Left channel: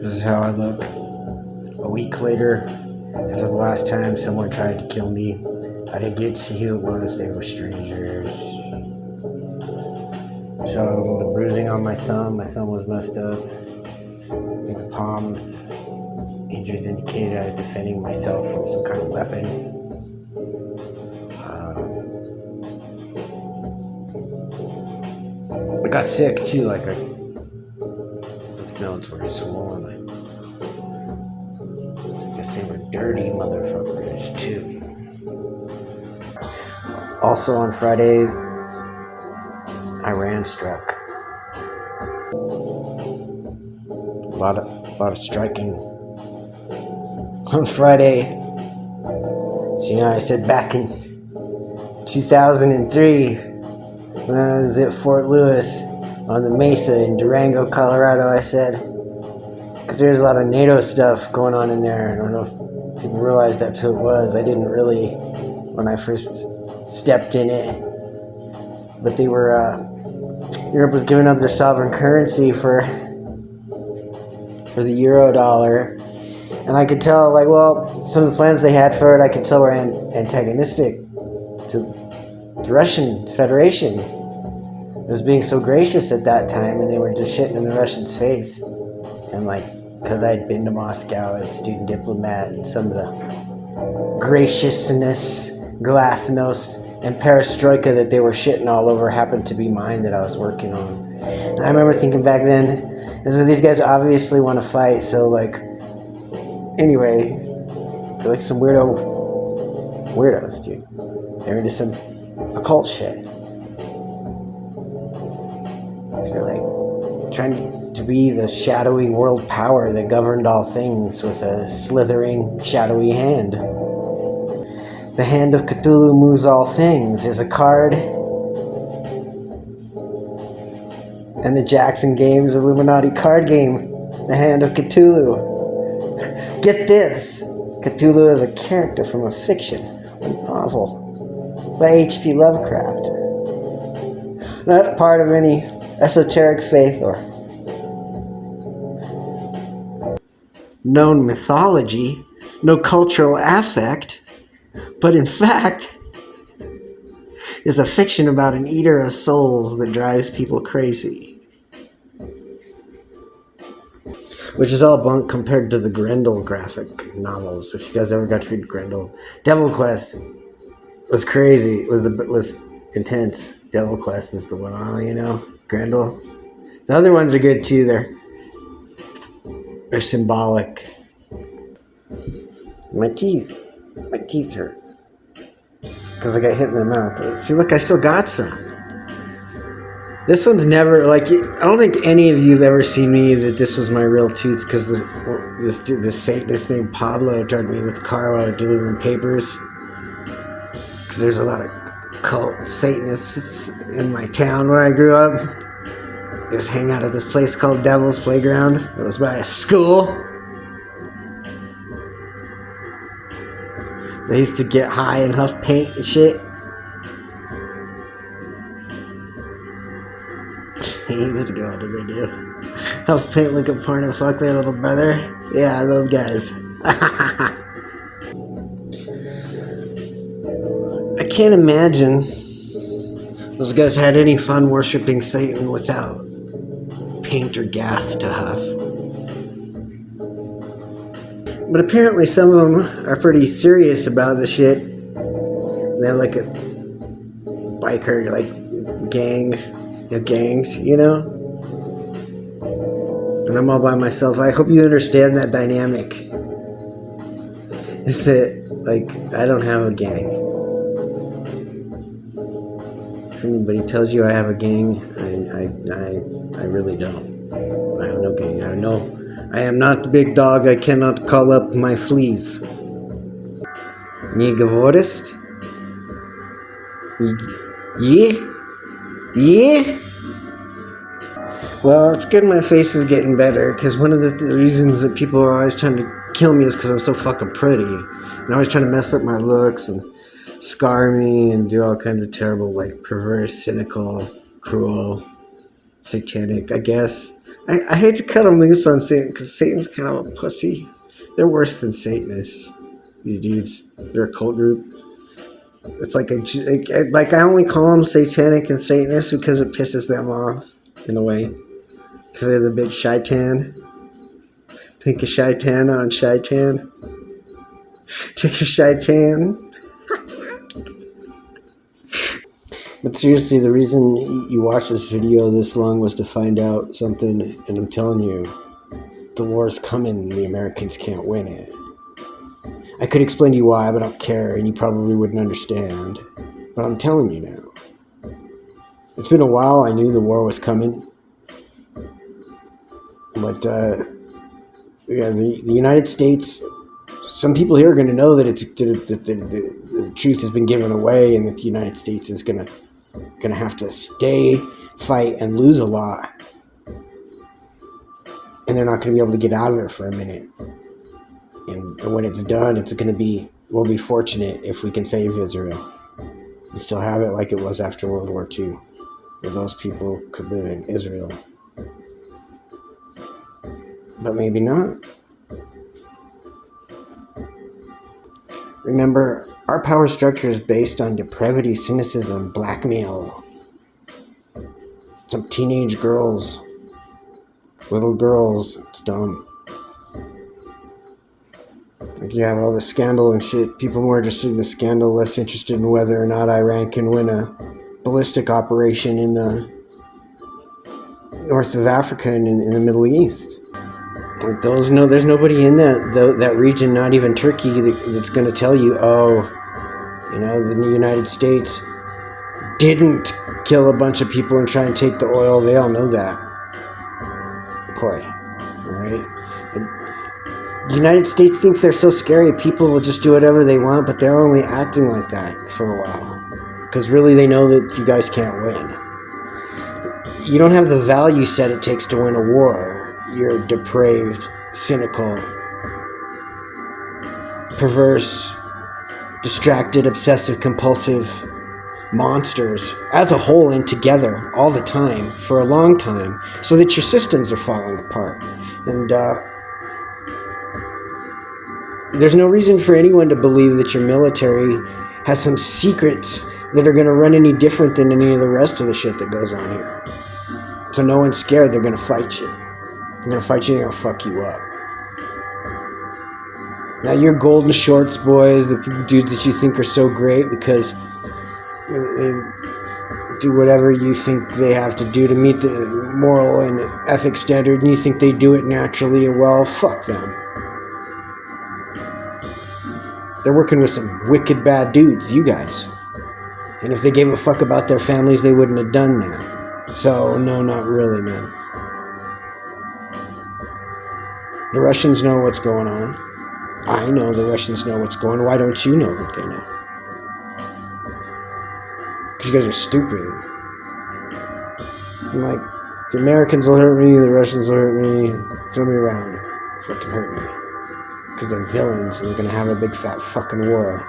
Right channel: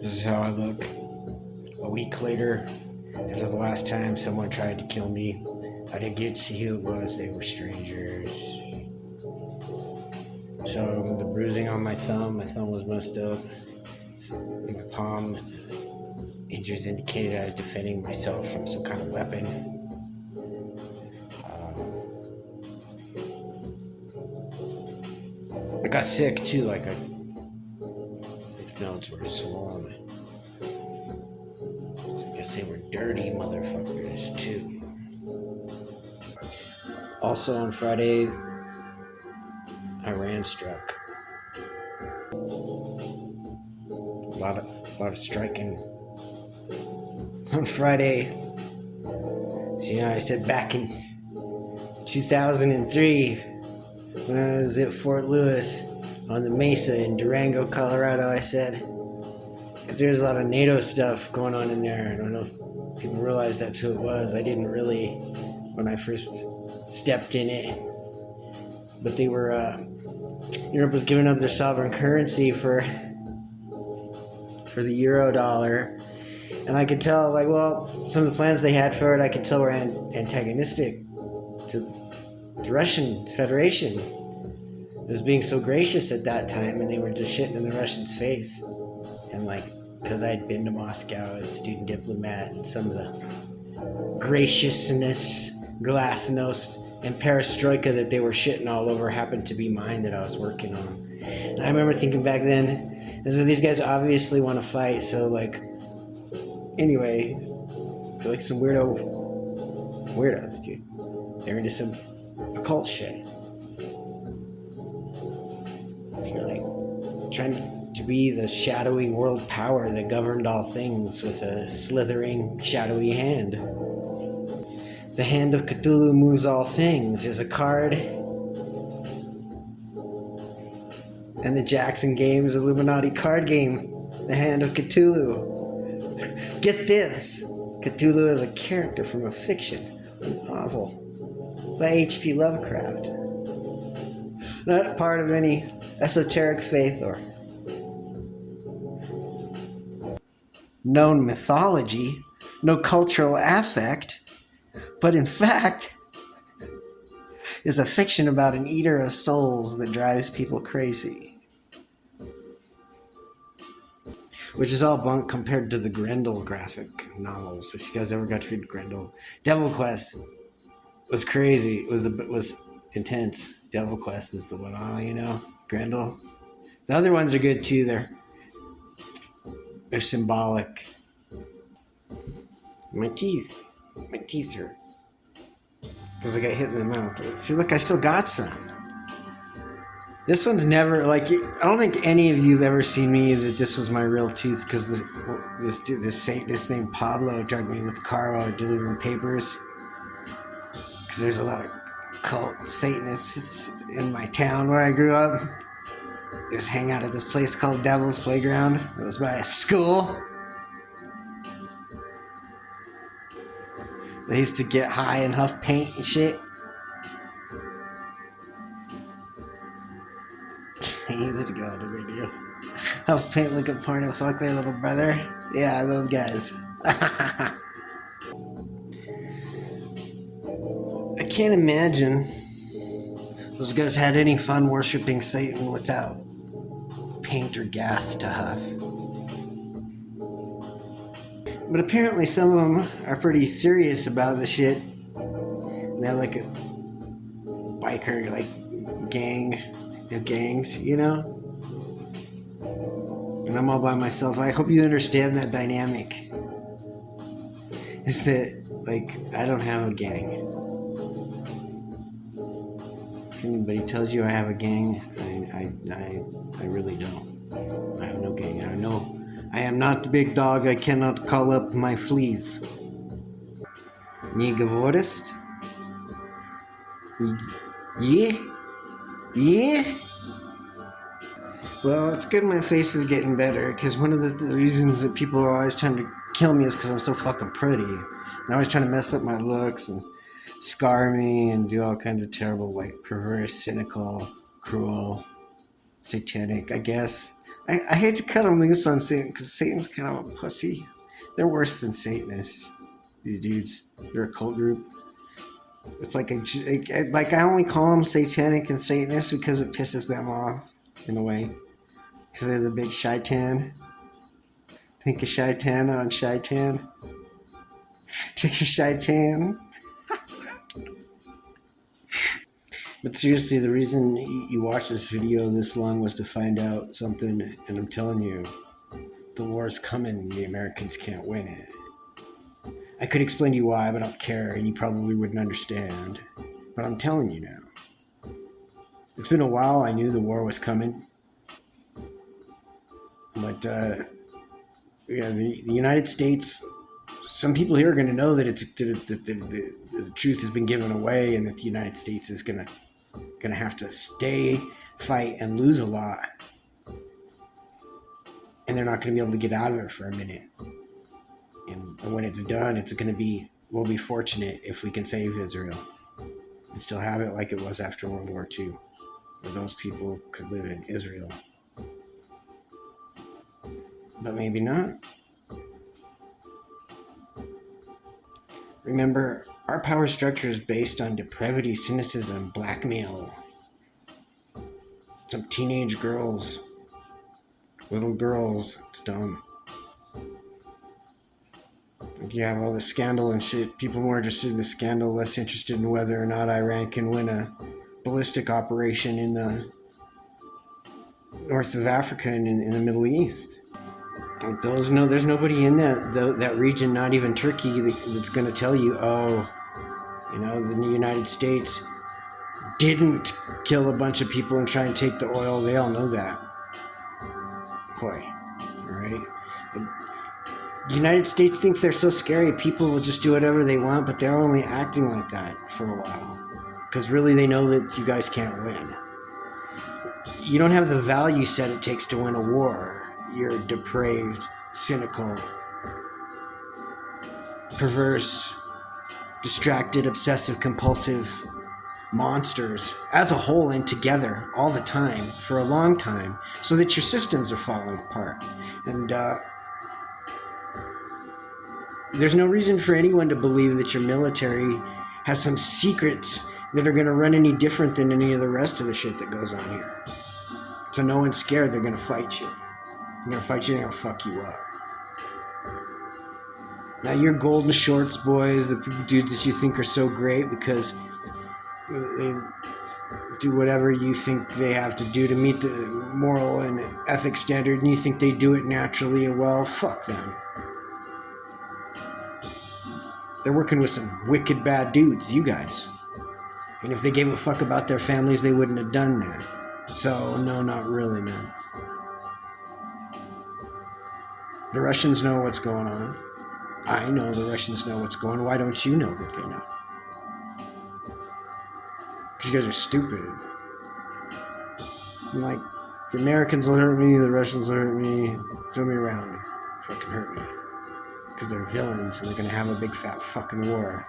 This is how I look. A week later, after the last time someone tried to kill me, I didn't get to see who it was. They were strangers. So the bruising on my thumb was messed up. In the palm, the injuries indicated I was defending myself from some kind of weapon. I got sick too, like my notes were swollen. I guess they were dirty motherfuckers too. Also on Friday, Iran struck. A lot of striking on Friday. So I said back in 2003, when I was at Fort Lewis on the Mesa in Durango, Colorado, I said, because there's a lot of NATO stuff going on in there. I don't know if people realize that's who it was. I didn't really when I first stepped in it. But they were, Europe was giving up their sovereign currency for the euro dollar. And I could tell, like, well, some of the plans they had for it, I could tell were antagonistic to the Russian Federation. It was being so gracious at that time, and they were just shitting in the Russians' face. And, like, because I'd been to Moscow as a student diplomat, and some of the graciousness, glasnost, and perestroika that they were shitting all over happened to be mine that I was working on. And I remember thinking back then, these guys obviously want to fight, so, like, anyway, they're like some weirdos, dude. They're into some occult shit. They're like trying to be the shadowy world power that governed all things with a slithering, shadowy hand. The Hand of Cthulhu Moves All Things is a card. And the Jackson Games Illuminati card game, The Hand of Cthulhu. Get this! Cthulhu is a character from a fiction, a novel by H.P. Lovecraft. Not part of any esoteric faith or known mythology, no cultural affect, but in fact is a fiction about an eater of souls that drives people crazy. Which is all bunk compared to the Grendel graphic novels. If you guys ever got to read Grendel, Devil Quest was crazy. It was intense. Devil Quest is the one, Grendel. The other ones are good too. They're symbolic. My teeth hurt because I got hit in the mouth. See, look, I still got some. This one's never, like, I don't think any of you have ever seen me that this was my real tooth, because this Satanist named Pablo drugged me with a car while I was delivering papers. Because there's a lot of cult Satanists in my town where I grew up. They just hang out at this place called Devil's Playground. That was by a school. They used to get high and huff paint and shit. What did they do? Huff paint, look at porn, and fuck their little brother. Yeah, those guys. I can't imagine those guys had any fun worshiping Satan without paint or gas to huff. But apparently some of them are pretty serious about the shit. They have like a biker, like, gangs, And I'm all by myself. I hope you understand that dynamic. Is that, like, I don't have a gang. If anybody tells you I have a gang, I really don't. I have no gang. I am not the big dog. I cannot call up my fleas. Nie gewordest? Yeah? Well, it's good my face is getting better, because one of the reasons that people are always trying to kill me is because I'm so fucking pretty. And they're always trying to mess up my looks and scar me and do all kinds of terrible, like, perverse, cynical, cruel satanic, I guess. I hate to cut them loose on Satan because Satan's kind of a pussy. They're worse than Satanists. These dudes, they're a cult group. It's like I only call them satanic and Satanist because it pisses them off in a way. Because they're the big shaitan. Think of shaitan on shaitan. Take a shaitan. But seriously, the reason you watched this video this long was to find out something, and I'm telling you, the war is coming and the Americans can't win it. I could explain to you why, but I don't care, and you probably wouldn't understand. But I'm telling you now. It's been a while. I knew the war was coming. But yeah, the United States, some people here are going to know that the truth has been given away, and that the United States is going to have to stay, fight, and lose a lot. And they're not going to be able to get out of it for a minute. And when it's done, we'll be fortunate if we can save Israel and still have it like it was after World War II, where those people could live in Israel. But maybe not. Remember, our power structure is based on depravity, cynicism, blackmail. Some teenage girls, little girls, it's dumb. Like you have all the scandal and shit. People more interested in the scandal, less interested in whether or not Iran can win a ballistic operation in the north of Africa and in the Middle East. Like there's nobody in that region, not even Turkey, that's going to tell you, oh, the United States didn't kill a bunch of people and try and take the oil. They all know that. Coy, all right? The United States thinks they're so scary, people will just do whatever they want, but they're only acting like that for a while. Because really they know that you guys can't win. You don't have the value set it takes to win a war. You're depraved, cynical, perverse, distracted, obsessive, compulsive monsters as a whole and together all the time for a long time, so that your systems are falling apart. And there's no reason for anyone to believe that your military has some secrets that are going to run any different than any of the rest of the shit that goes on here. So no one's scared. They're going to fight you. They're going to fight you and they're going to fuck you up. Now your golden shorts boys, the dudes that you think are so great because they do whatever you think they have to do to meet the moral and ethic standard, and you think they do it naturally and well, fuck them. They're working with some wicked bad dudes, you guys. And if they gave a fuck about their families, they wouldn't have done that. So, no, not really, man. The Russians know what's going on. I know the Russians know what's going on. Why don't you know that they know? Because you guys are stupid. I'm like, the Americans will hurt me, the Russians will hurt me, throw me around. Fucking hurt me. Because they're villains and they're going to have a big fat fucking war.